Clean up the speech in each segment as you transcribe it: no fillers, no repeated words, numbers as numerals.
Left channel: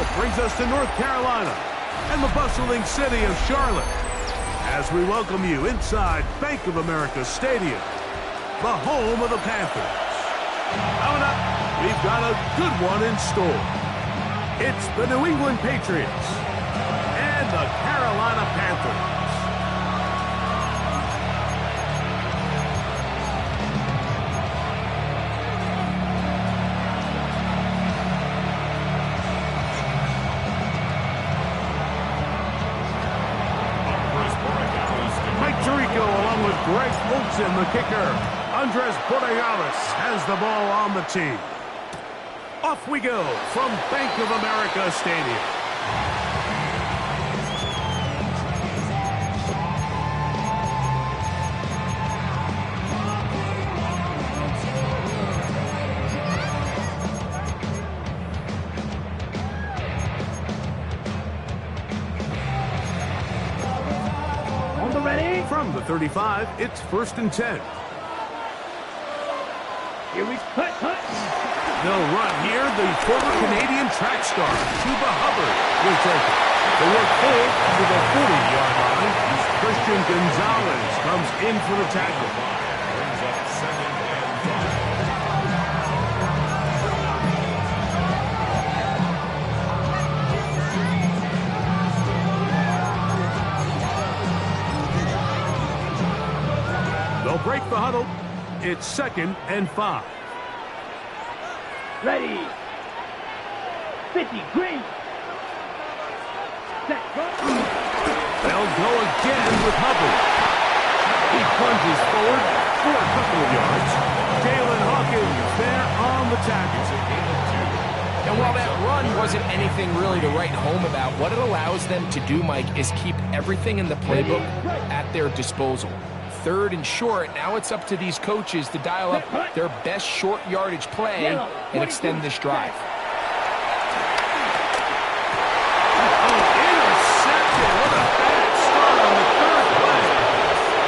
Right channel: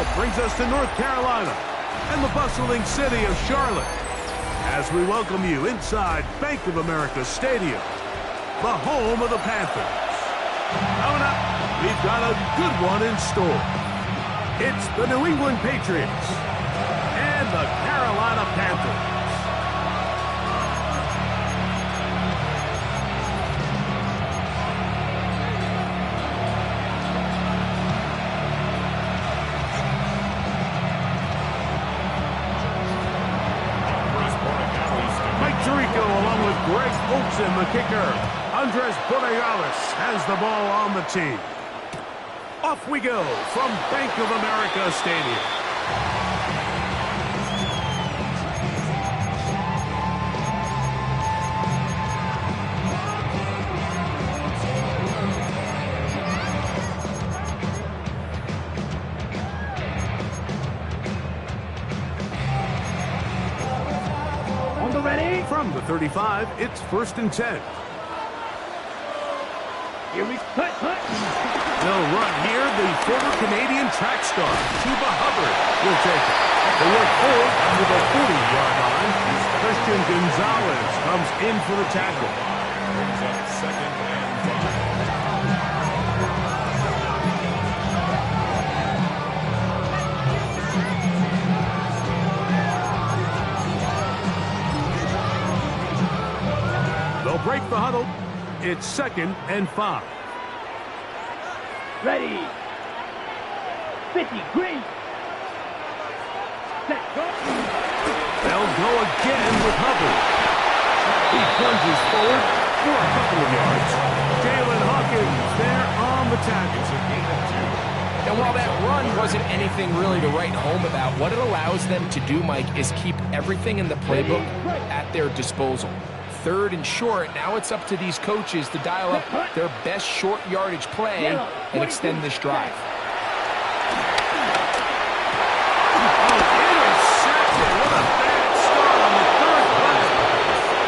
Now brings us to North Carolina and the bustling city of Charlotte as we welcome you inside Bank of America Stadium, the home of the Panthers. Coming up, we've got a good one in store. It's the New England Patriots and the Carolina Panthers. Along with Greg Olsen, the kicker. Andres Borregales has the ball on the tee. Off we go from Bank of America Stadium. Ready? From the 35, it's 1st and 10. Here we hut. They'll run here. The former Canadian track star, Chuba Hubbard, will take it. They work forward to the 40-yard line. Christian Gonzalez comes in for the tackle. Brings up 2nd and 5. They'll break the huddle. It's 2nd and 5. Ready. 50, green. Set, go. They'll go again with Hubbard. He plunges forward for a couple of yards. Jalen Hawkins there on the tackle. It's a gain of 2. And while that run wasn't anything really to write home about, what it allows them to do, Mike, is keep everything in the playbook at their disposal. 3rd and short, now it's up to these coaches to dial up their best short yardage play and extend this drive. Oh, intercepted. What a bad start on the 3rd play.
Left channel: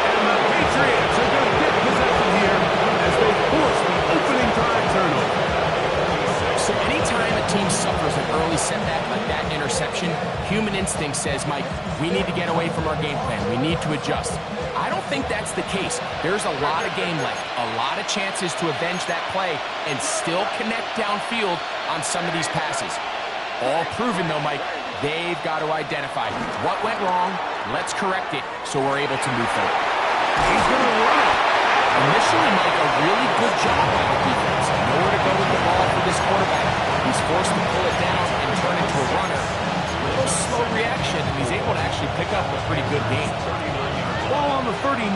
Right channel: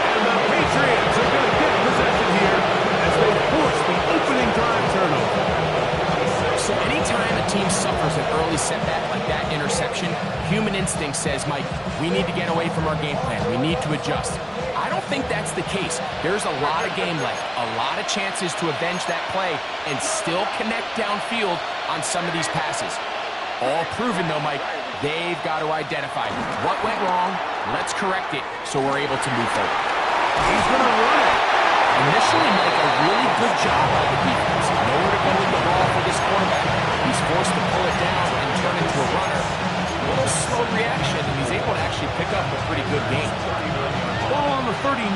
And the Patriots are going to get possession here as they force the opening drive turnover. So anytime a team suffers an early setback like that interception, human instinct says, Mike, we need to get away from our game plan. We need to adjust. I don't think that's the case. There's a lot of game left, a lot of chances to avenge that play and still connect downfield on some of these passes. All proven, though, Mike, they've got to identify what went wrong, let's correct it so we're able to move forward. He's going to run it. Initially, Mike, a really good job by the defense. Nowhere to go with the ball for this quarterback. He's forced to pull it down and turn into a runner. A little slow reaction, and he's able to actually pick up a pretty good game. Ball on the 39.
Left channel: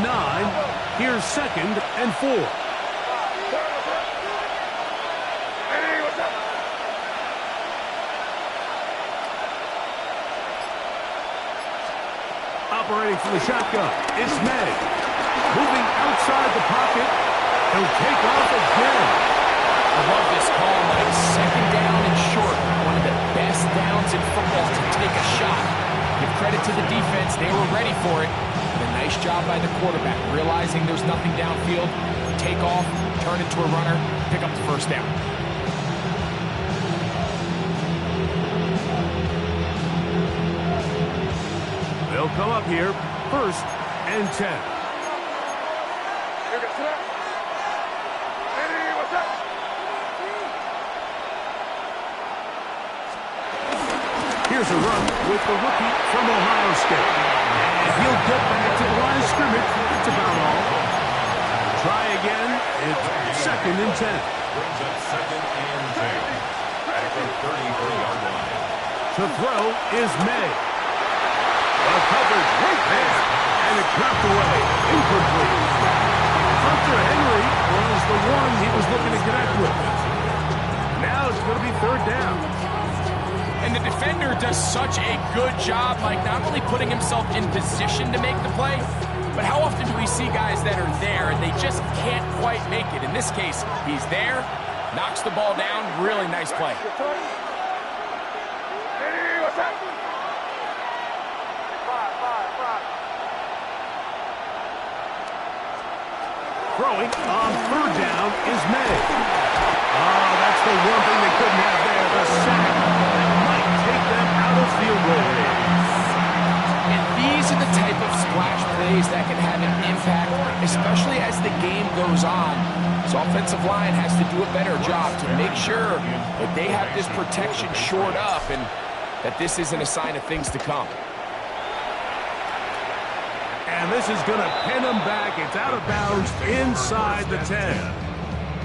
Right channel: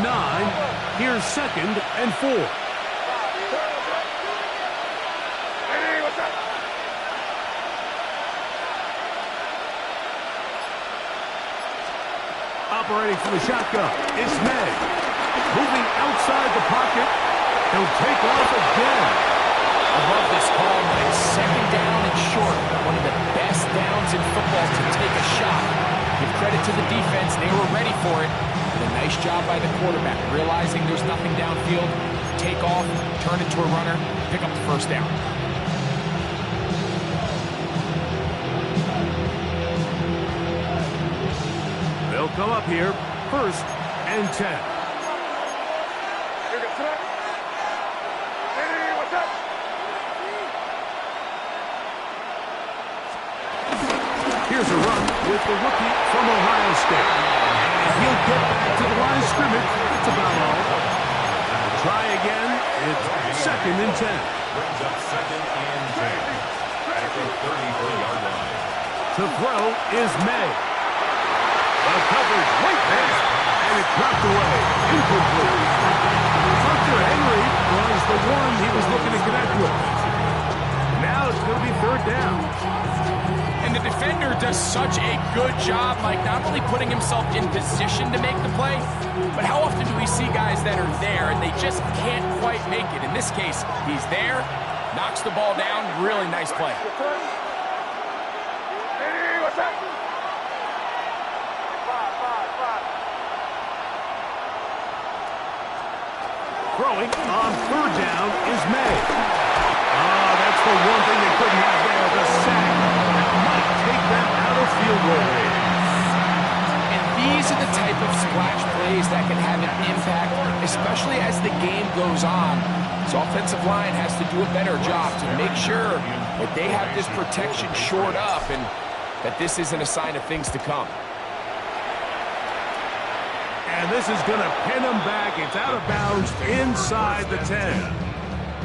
Here's 2nd and 4. Operating from the shotgun, it's May. Moving outside the pocket. He'll take off again. I love this call, Mike. 2nd down and short. One of the best downs in football to take a shot. Give credit to the defense. They were ready for it. And a nice job by the quarterback, realizing there's nothing downfield. Take off, turn into a runner, pick up the 1st down. They'll come up here, 1st and 10. Here's a run with the rookie from Ohio State. And he'll get back to the line of scrimmage. That's about all. Try again. It's 2nd and 10. Brings up 2nd and 10. At the 33-yard line. To throw is May. The coverage right there. And it's knocked away. Incomplete. Hunter Henry was the one he was looking to connect with. Now it's going to be 3rd down. And the defender does such a good job, Mike, not only putting himself in position to make the play, but how often do we see guys that are there and they just can't quite make it? In this case, he's there, knocks the ball down, really nice play. Throwing on 3rd down is May. That's the one thing they couldn't have there, the sack that might take And these are the type of splash plays that can have an impact, especially as the game goes on. So offensive line has to do a better job to make sure that they have this protection shored up and that this isn't a sign of things to come. And this is going to pin them back. It's out of bounds inside the 10.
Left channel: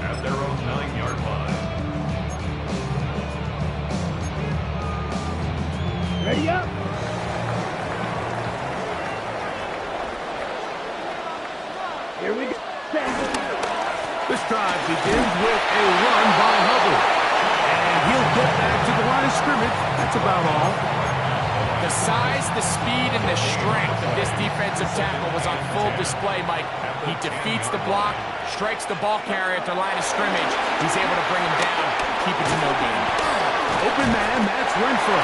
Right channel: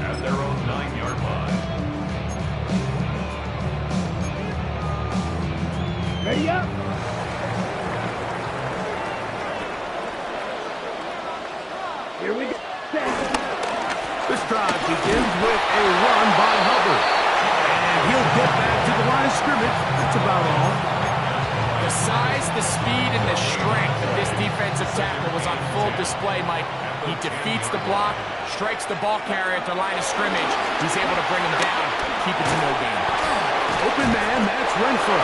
At their own 9-yard line. Ready up. Here we go. This drive begins with a run by Hubbard. And he'll get back to the line of scrimmage. That's about all. The size, the speed, and the strength of this defensive tackle was on full display, Mike. He defeats the block, strikes the ball carrier at the line of scrimmage. He's able to bring him down, keep it to no gain. Open man, that's Renfro.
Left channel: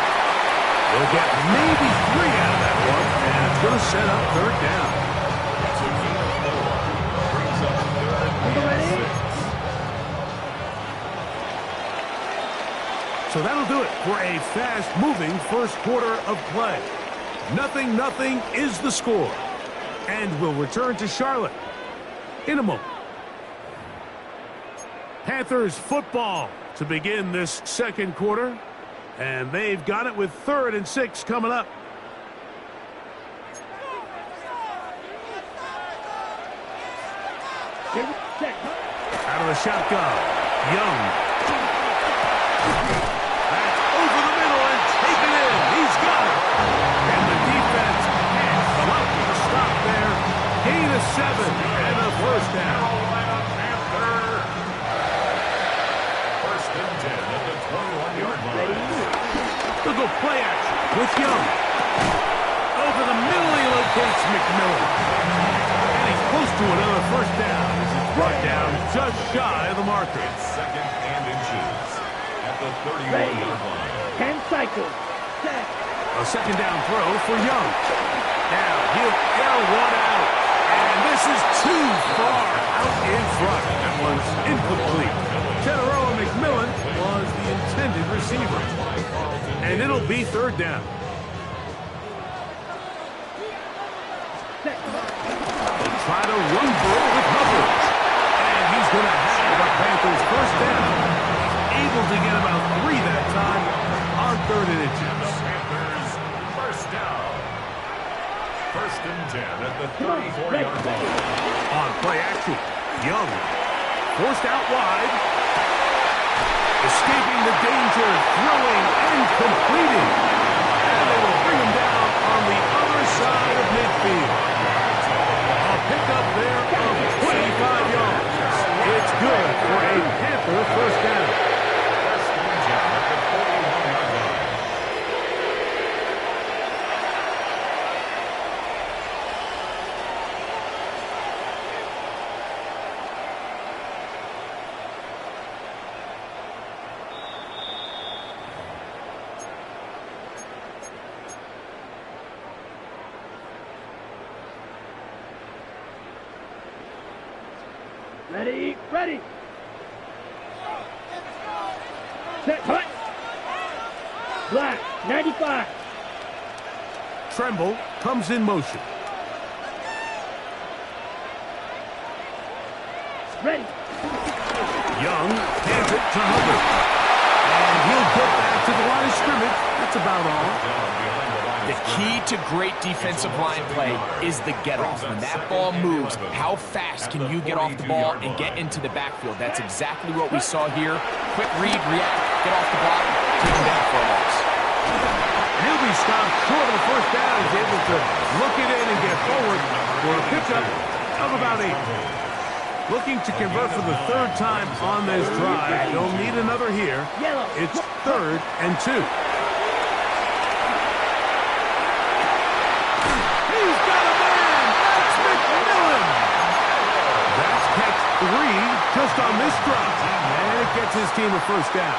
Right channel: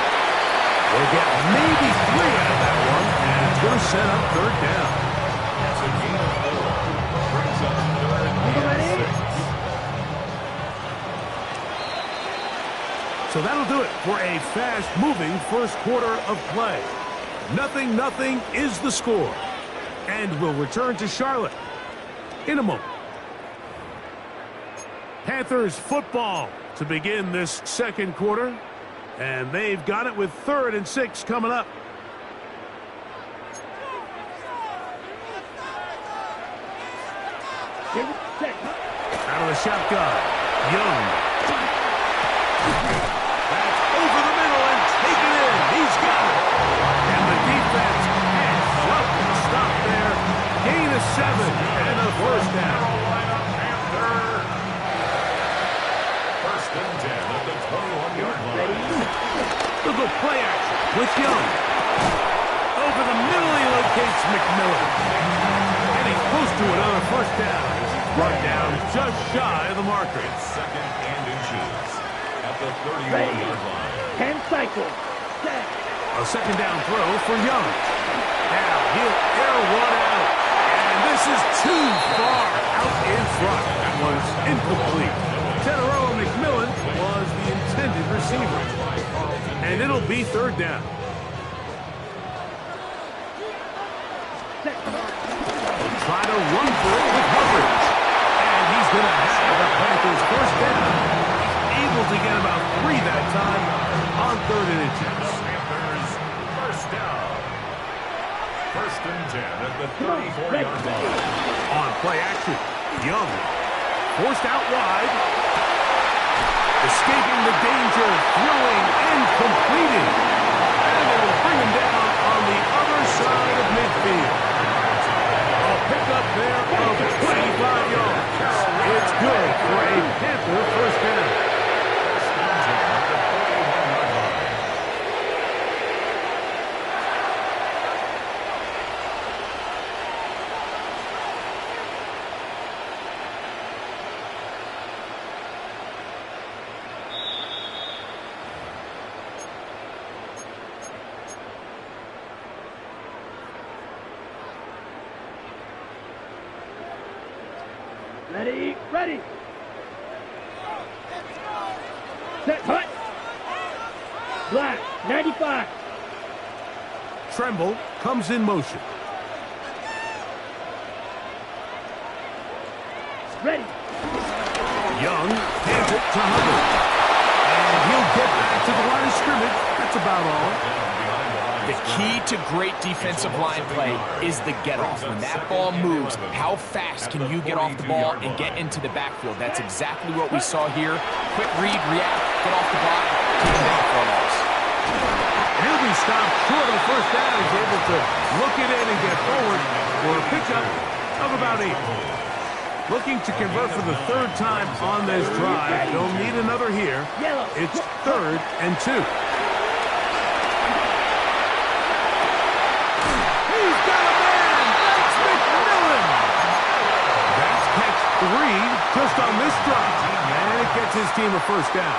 We'll get maybe 3 out of that one, and it's going to set up third down. It's a gain of 4. Brings up third and 6. So that'll do it for a fast-moving first quarter of play. 0-0 is the score. And we'll return to Charlotte in a moment. Panthers football to begin this second quarter. And they've got it with 3rd and 6 coming up. Out of the shotgun, Young. That's over the middle and taken in. He's got it. And the defense can't help the stop there. Gain of 7 and a first down. Carolina Panther. 1st and 10 at the 21-yard line. They'll go play action with Young. Over the middle, he locates McMillan. And he's close to another first down as he's brought down just shy of the marker. It's 2nd and inches at the 31-yard line. 10 cycles. Set. A second down throw for Young. Now he'll air one out. And this is too far out in front. That one's incomplete. Teteroa McMillan was the intended receiver. And it'll be 3rd down. They'll try to run for it with Hubbard. And he's going to have the Panthers first down. Able to get about 3 that time on 3rd and inches. The Panthers first down. 1st and 10 at the 34-yard line. On play action, Young forced out wide. Escaping the danger, throwing and completing. And they will bring him down on the other side of midfield. A pickup there of 25 yards. It's good for a Panther first down. 1st and 10 at the 41-yard line. Ready. Set. Hut. Black. 95. Tremble comes in motion. Ready. Young hands it to Hubbard. And he'll get back to the line of scrimmage. That's about all. The key to great defensive line play is the get-off. When that ball moves, how fast can you get off the ball and get into the backfield? That's exactly what we saw here. Quick read, react, get off the block, take him down for a loss. And he'll be stopped short of the first down. He's able to look it in and get forward for a pickup of about 8. Looking to convert for the 3rd time on this drive. They'll need another here. It's 3rd and 2. He's got a man! That's McMillan! That's catch 3 just on this drive. And it gets his team a first down.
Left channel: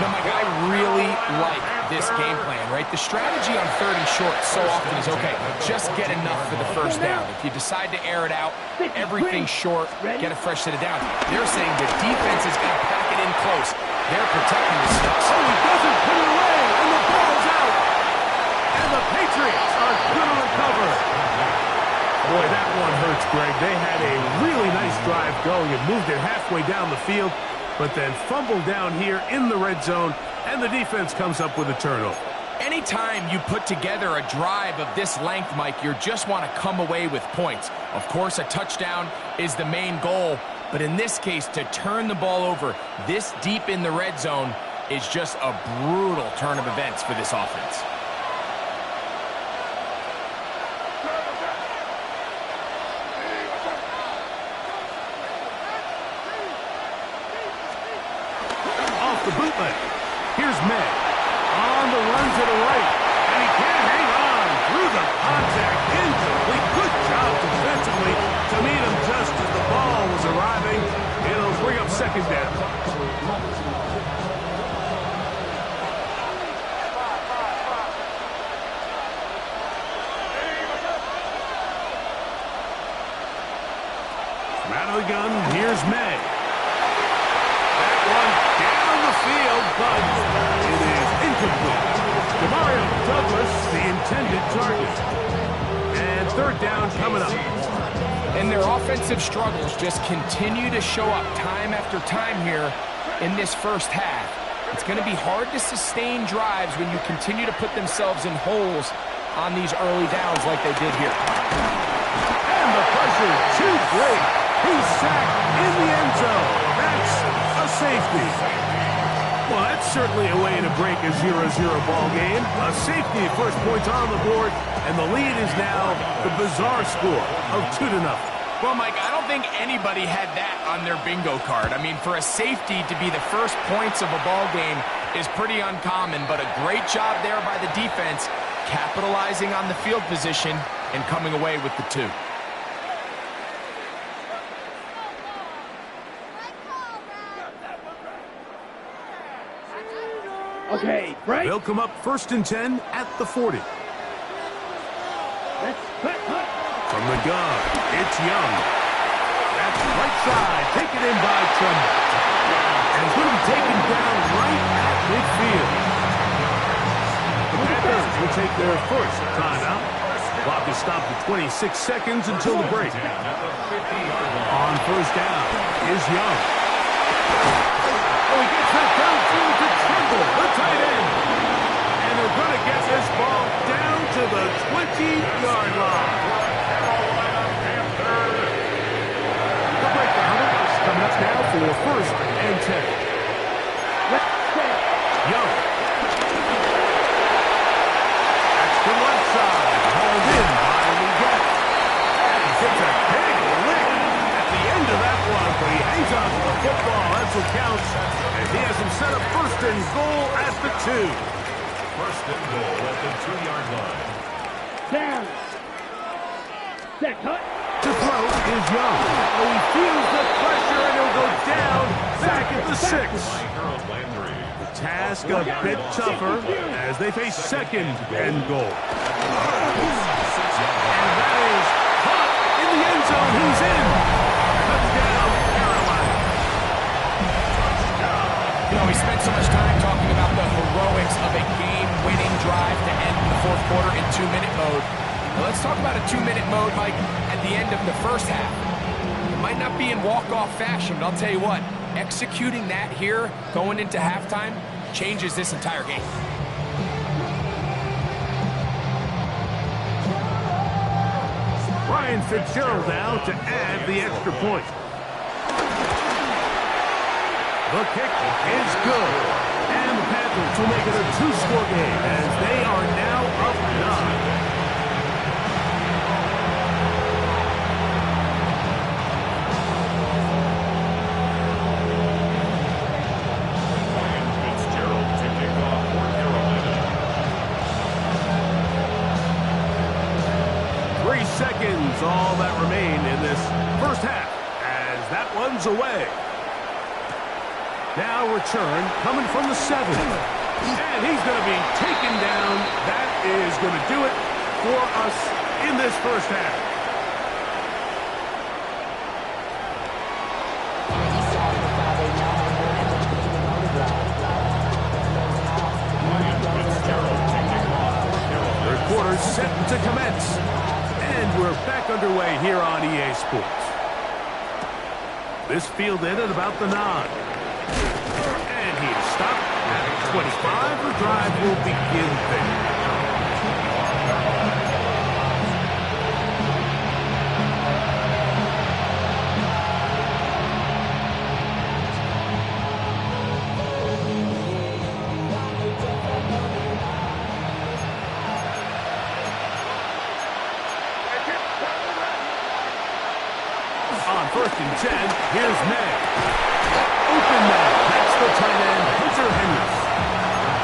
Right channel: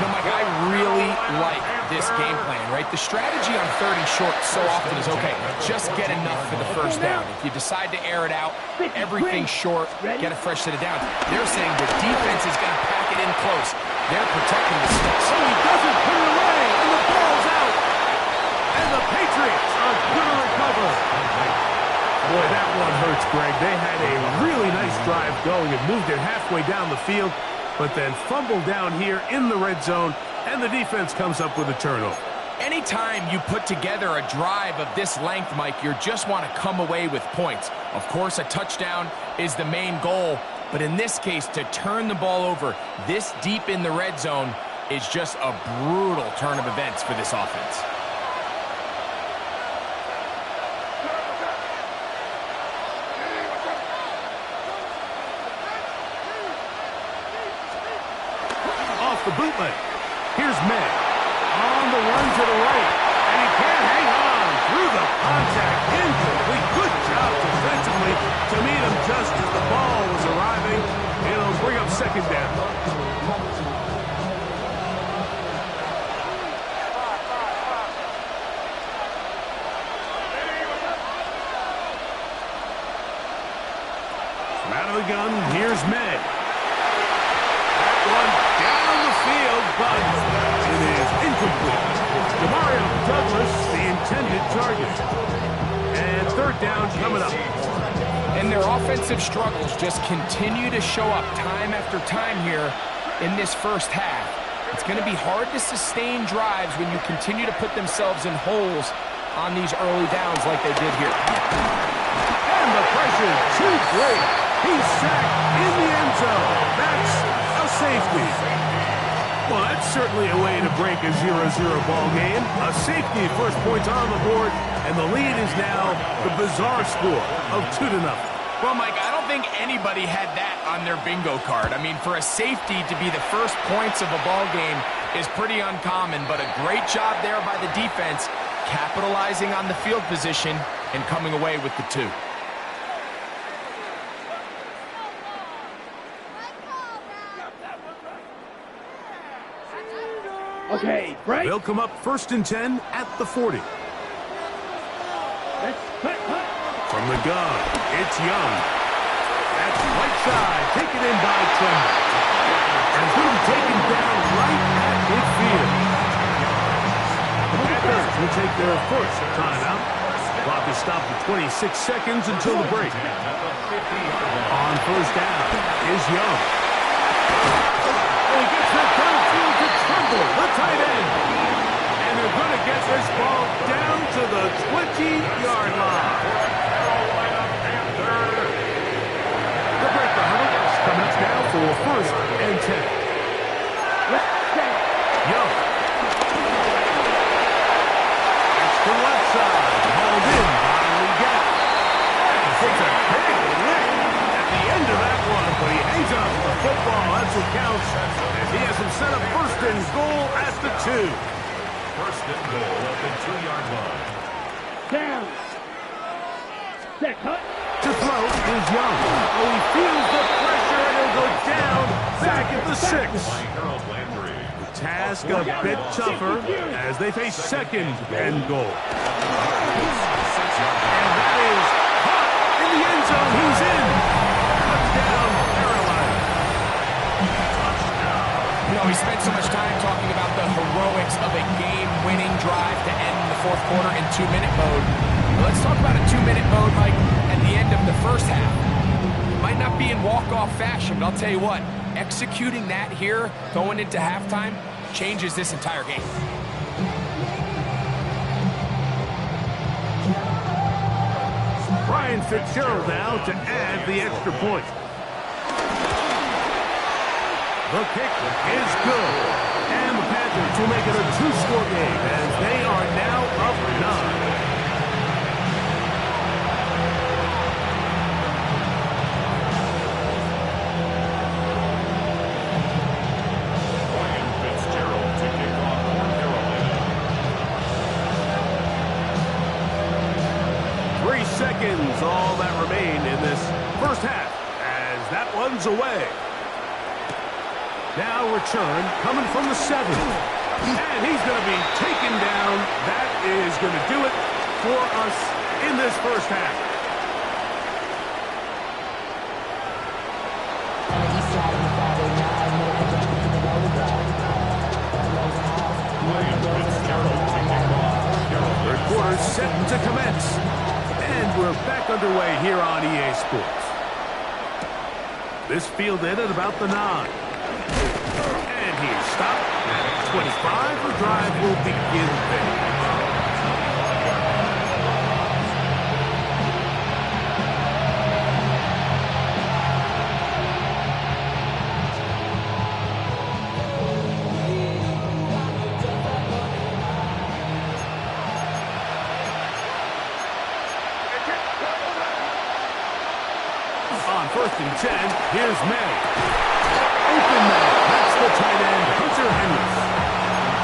Now, Mike, I really like this game plan, right? The strategy on 3rd and short so often is, okay, just get enough for the first down. If you decide to air it out, everything short, get a fresh set of downs. They're saying the defense is going to pack it in close. They're protecting the sticks. Oh, he doesn't put it away, and the ball's out. Boy, that one hurts, Greg. They had a really nice drive going and moved it halfway down the field, but then fumbled down here in the red zone, and the defense comes up with a turnover. Anytime you put together a drive of this length, Mike, you just want to come away with points. Of course, a touchdown is the main goal, but in this case, to turn the ball over this deep in the red zone is just a brutal turn of events for this offense. Off the bootleg. Here's May. On the run to the right. And he can't hang on. Through the contact. Incomplete. Good job defensively to meet him just as the ball was arriving. It'll bring up second down. From out of the gun, here's May. That one down the field, but it is incomplete. Demario Douglas, the intended target. And third down coming up. And their offensive struggles just continue to show up time after time here in this first half. It's going to be hard to sustain drives when you continue to put themselves in holes on these early downs like they did here. And the pressure too great. He's sacked in the end zone. That's a safety. Well, that's certainly a way to break a 0-0 ball game. A safety, first points on the board, and the lead is now the bizarre score of 2-0. Well, Mike, I don't think anybody had that on their bingo card. I mean, for a safety to be the first points of a ball game is pretty uncommon, but a great job there by the defense, capitalizing on the field position and coming away with the 2. Okay, break. They'll come up 1st and 10 at the 40. Let's cut. From the gun, it's Young. That's right side, taken in by Tremble. And it's going to be taken down right at midfield. The Panthers will take their first timeout. Clock is stopped at 26 seconds until the break. On first down is Young. Oh, he gets that downfield to Tremble, the tight end. And they're going to get this ball down to the 20-yard line. Carolina Panthers. The break the huddle coming up now for 1st and 10. Let's set. Young. That's the left side. Hauled in by Leggett. And he takes a big lick at the end of that one, but he hangs on to the football. That's what counts. And he has him set up 1st and goal at the 2. 1st and goal at the 2-yard line. Down. Set, cut. To throw is Young. Oh, he feels the pressure, and he'll go down back at the 6. By Harold Landry. The task a bit tougher as they face 2nd and goal. And that is caught in the end zone. He's in. Touchdown, Carolina. You know, we spent so much time talking about the heroics of a game-winning drive to end the 4th quarter in 2-minute mode. Now let's talk about a 2-minute mode, Mike, at the end of the first half. It might not be in walk-off fashion, but I'll tell you what, executing that here, going into halftime, changes this entire game. Brian Fitzgerald now to add the extra point. The kick is good. And the Panthers will make it a 2-score game as they are now up 9. Seconds, all that remain in this first half as that one's away. Now return coming from the 7. And he's going to be taken down. That is going to do it for us in this first half. Third quarter set to commence. And we're back underway here on EA Sports. This fielded at about the 9. And he is stopped at 25. The drive will begin there. On 1st and 10, here's May. Open May. That's the tight end, Hunter Henry.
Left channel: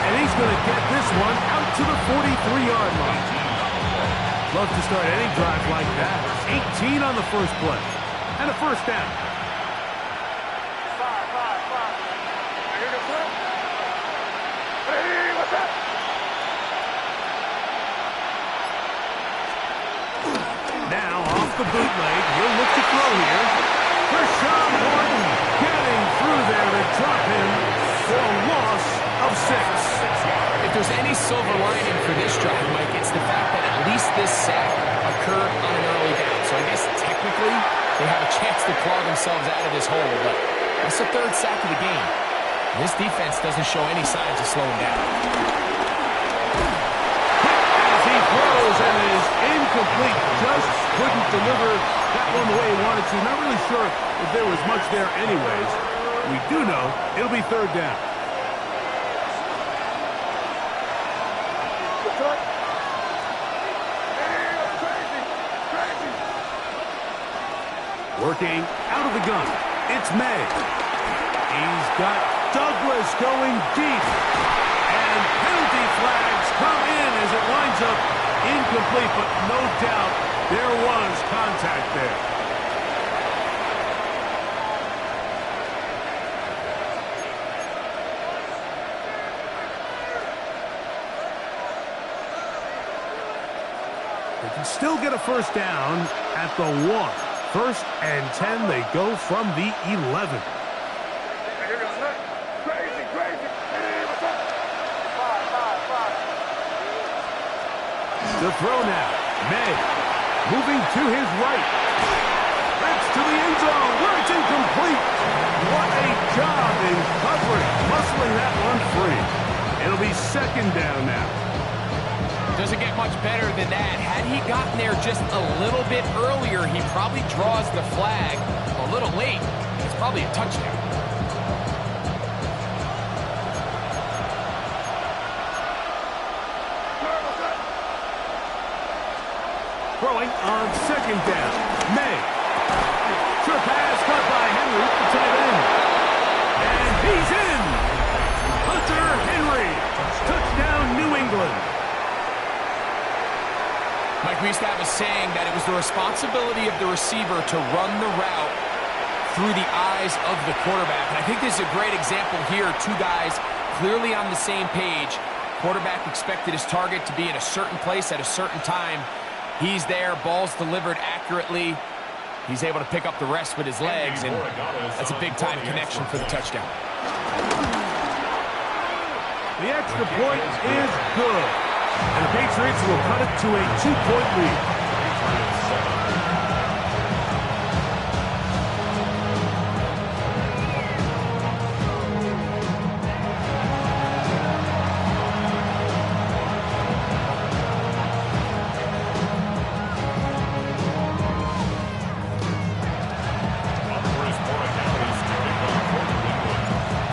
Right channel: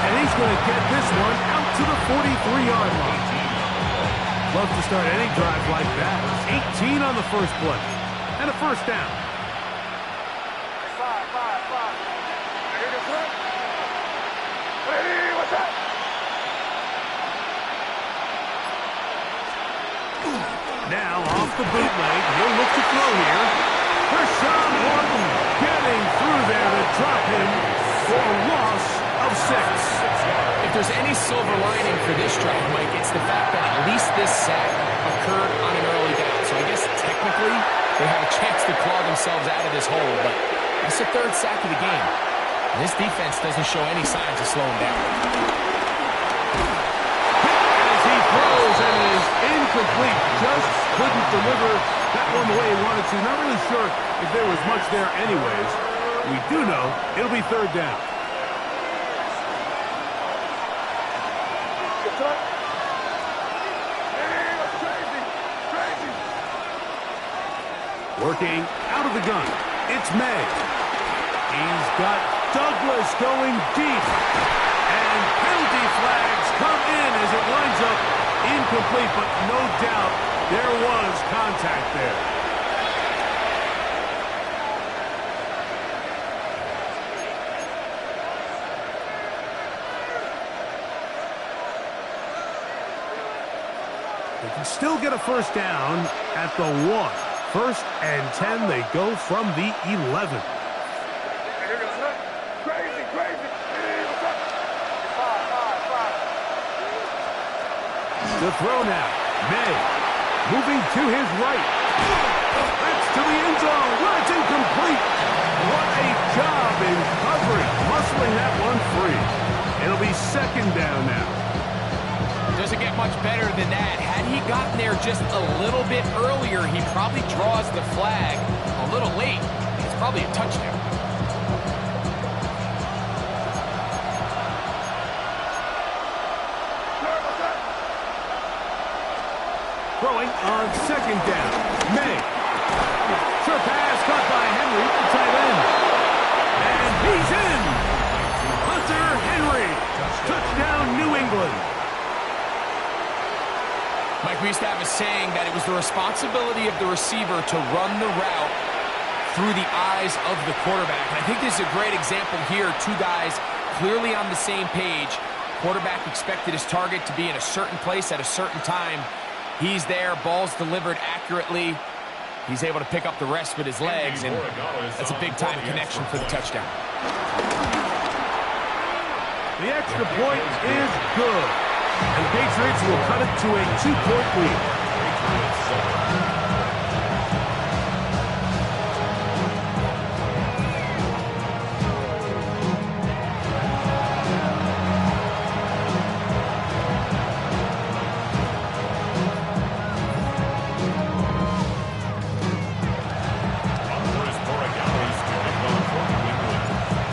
And he's going to get this one out to the 43-yard line. Love to start any drive like that. 18 on the first play. And a first down. 5. Here goes that. Hey, what's that? Now off the bootleg, he'll look to throw here. Kershawn Horton getting through there to drop him for a loss of 6. If there's any silver lining for this drive, Mike, it's the fact that at least this sack occurred on an early down. So I guess technically they have a chance to claw themselves out of this hole, but that's the 3rd sack of the game. And this defense doesn't show any signs of slowing down. He throws and it is incomplete. Just couldn't deliver that one the way he wanted to. Not really sure if there was much there anyways. We do know it'll be 3rd down. Working out of the gun. It's May. He's got Douglas going deep. And penalty flags come in as it winds up incomplete, but no doubt there was contact there. They can still get a first down at the 1. 1st and 10, they go from the 11. The throw now. May moving to his right. That's to the end zone where it's incomplete. What a job in covering, muscling that one free. It'll be 2nd down now. Doesn't get much better than that. Had he gotten there just a little bit earlier, he probably draws the flag a little late. It's probably a touchdown. Throwing on 2nd down. May. Sure pass caught by Henry, the tight end. And he's in. Hunter Henry. Touchdown, New England. Mike, we used to have a saying that it was the responsibility of the receiver to run the route through the eyes of the quarterback. And I think this is a great example here. 2 guys clearly on the same page. Quarterback expected his target to be in a certain place at a certain time. He's there, ball's delivered accurately. He's able to pick up the rest with his legs, and that's a big-time connection for the touchdown. The extra point is good, and the Patriots will cut it to a 2-point lead. Patriots 7.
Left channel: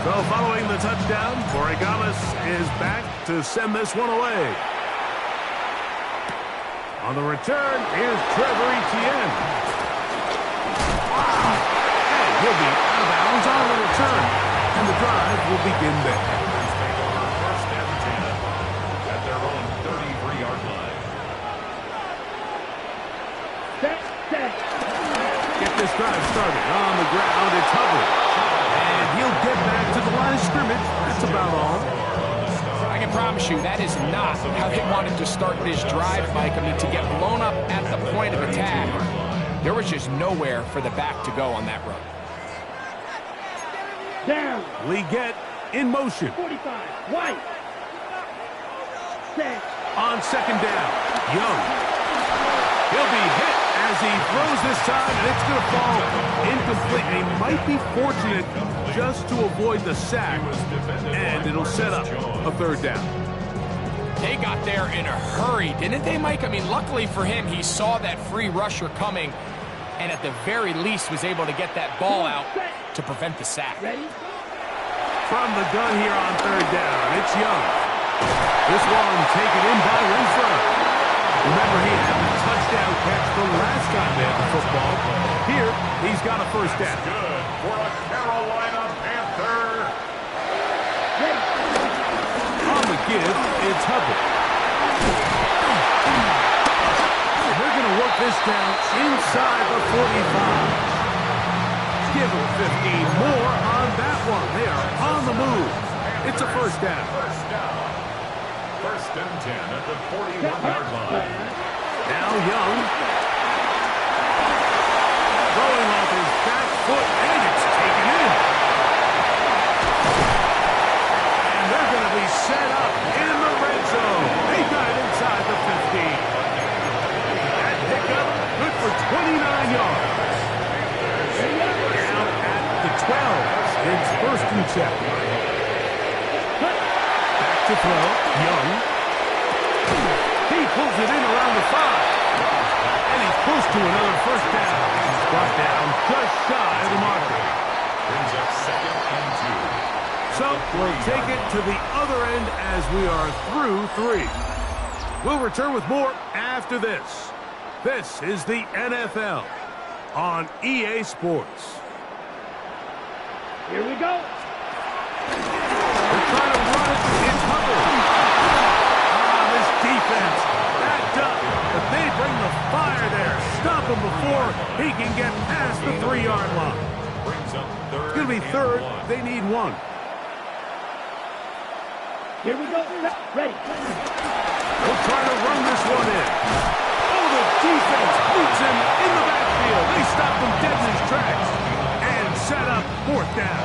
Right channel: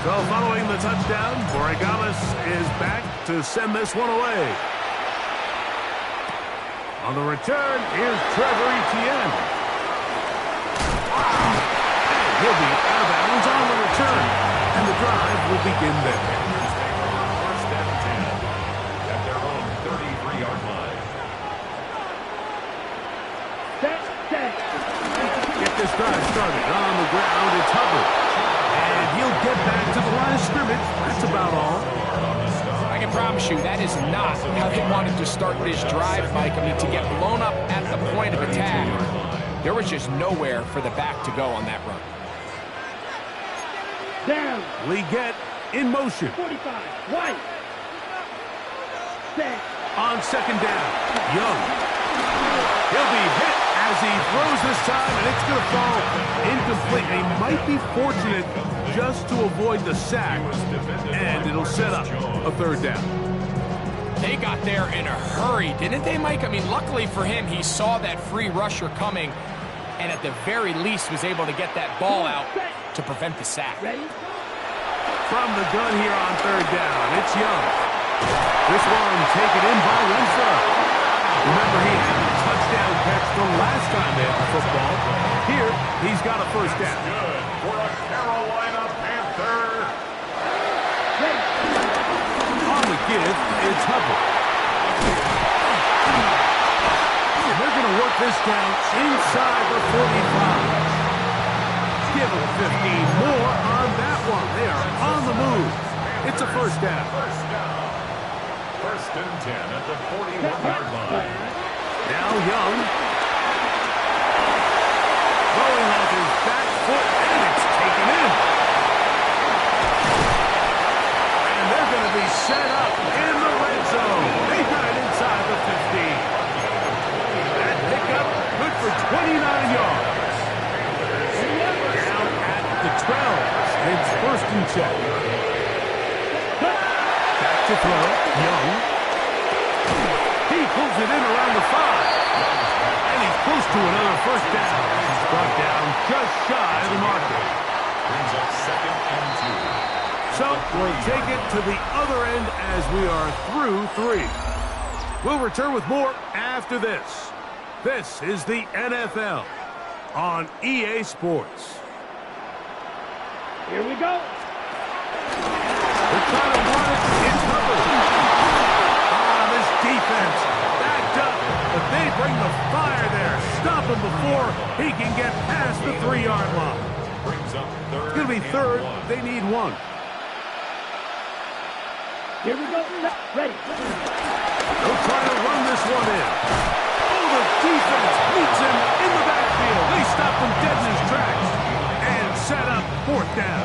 So following the touchdown, Borregales is back to send this one away. On the return, here's Trevor Etienne. And he'll be out of bounds on the return. And the drive will begin there. Panthers take over 1st and 10 at their own 33-yard line. Set. Get this drive started on the ground. It's Hubbard. And he'll get back to the line of scrimmage. That's about all. I can promise you that is not how they wanted to start this drive, Mike. I mean, to get blown up at the point of attack, there was just nowhere for the back to go on that run. Down. Leggett in motion. 45. White. Set. On 2nd down, Young. He'll be hit as he throws this time, and it's going to fall incomplete. He might be fortunate just to avoid the sack, and it'll set up a third down. They got there in a hurry, didn't they, Mike? I mean, luckily for him, he saw that free rusher coming, and at the very least was able to get that ball out to prevent the sack. From the gun here on third down, it's Young. This one taken in by Renfro. Remember, he had the touchdown catch the last time they had the football. Here, he's got a first down. Good for a Carolina Panther. On the give, it's Hubbard. And they're going to work this down inside the 45. Give them 15 more on that one. They are on the move. It's a first down. First and 10 at the 41-yard line. Now Young. Throwing off his back foot, and it's taken in. And they're going to be set up in the red zone. They got it inside the 15. That pickup, good for 29 yards. Down at the 12. It's first and 10. Back to throw. Young. He pulls it in around the 5. And he's close to another first down. He's brought down just shy of the marker. Brings up second and 2. So we'll take it to the other end as we are through 3. We'll return with more after this. This is the NFL on EA Sports. Here we go. They're trying to run it. It's Hubbard. This defense backed up, but they bring the fire there. Stop him before he can get past the 3-yard line. Brings up third. It's going to be third. They need 1. Here we go. Ready. They'll try to run this one in. Oh, the defense meets him in the backfield. They stopped him dead in his tracks and set up fourth down.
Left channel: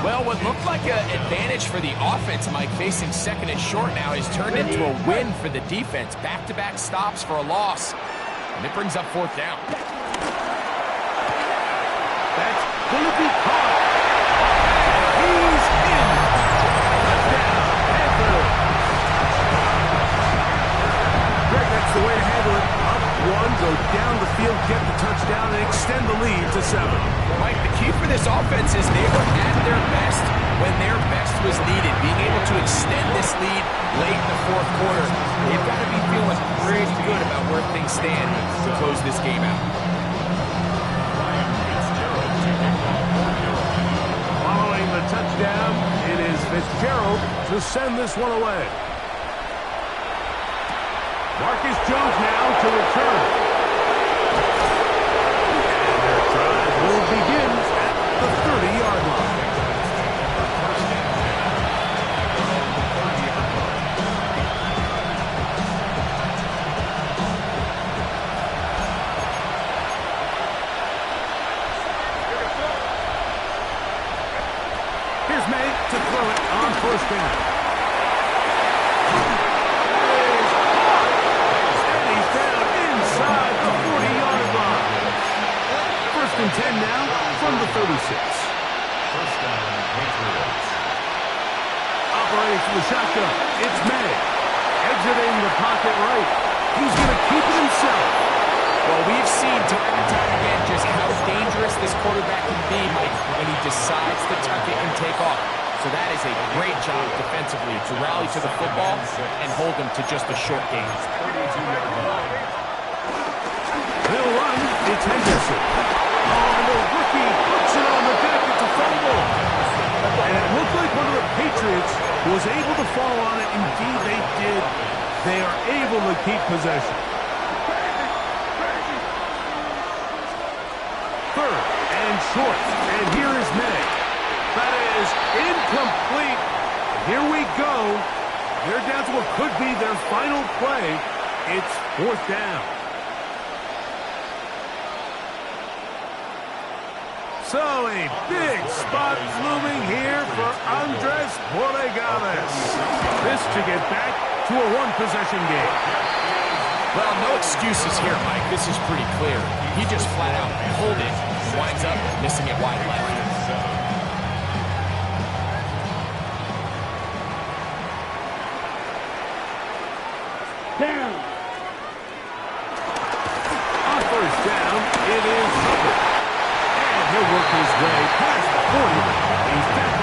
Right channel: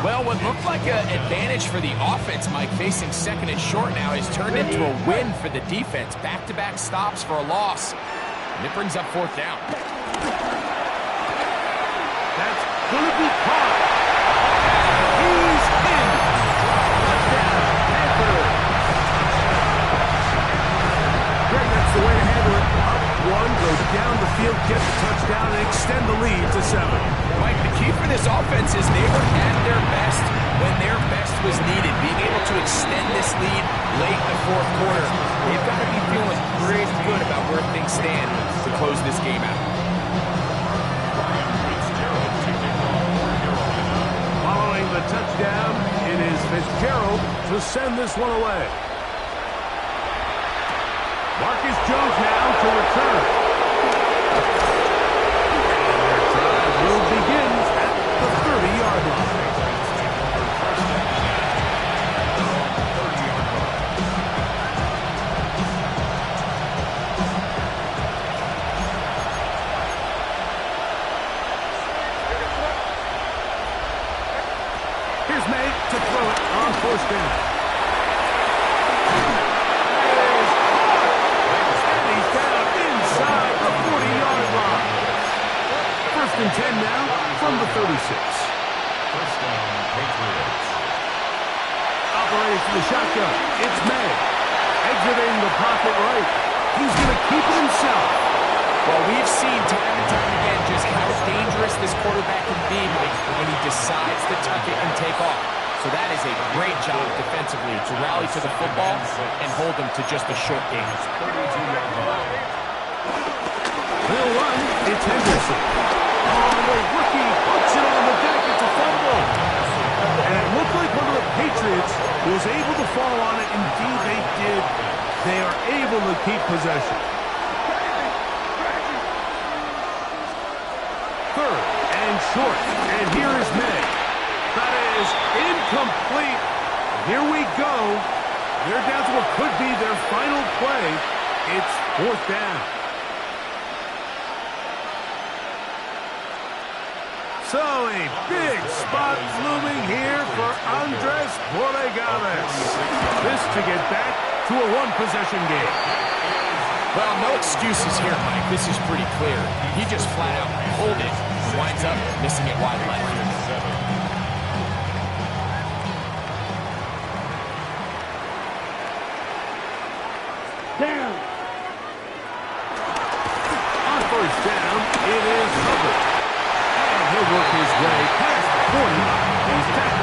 Well, what looked like an advantage for the offense, Mike, facing second and short now, has turned into a win for the defense. Back-to-back stops for a loss. And it brings up fourth down. That's going to be caught. And he's in. Touchdown, Panthers. Greg, that's the way to handle it. Up 1, go down the field, get the touchdown, and extend the lead to 7. Mike, the key for this offense is they were at their best when their best was needed. Being able to extend this lead late in the fourth quarter, they've got to be feeling pretty good about where things stand to close this game out. Following the touchdown, it is Fitzgerald to send this one away. Marcus Jones now to return. And their drive will begin at the 30-yard line. Here's May to throw it on first down. Inside the 40-yard line. First and 10 now from the 36. First down, Patriots. Operating from the shotgun, it's May. Exiting the pocket right. He's going to keep it himself. Well, we've seen time and time again just how dangerous this quarterback can be, Mike, when he decides to tuck it and take off. So that is a great job defensively to rally to the football and hold him to just a short gain. 32-yard line. They'll run. It's Henderson. Oh, and the rookie puts it on the deck. It's a fumble. And it looked like one of the Patriots was able to fall on it. Indeed, they did. They are able to keep possession. Third and short. And here is May. That is incomplete. Here we go. They're down to what could be their final play. It's fourth down. So a big spot looming here for Andres Borregales. This to get back to a one-possession game. Well, no excuses here, Mike. This is pretty clear. He just flat out pulled it and winds up missing it wide left. Down. On first down, it is Hubbard. And he'll work his way past the 40. He's tackled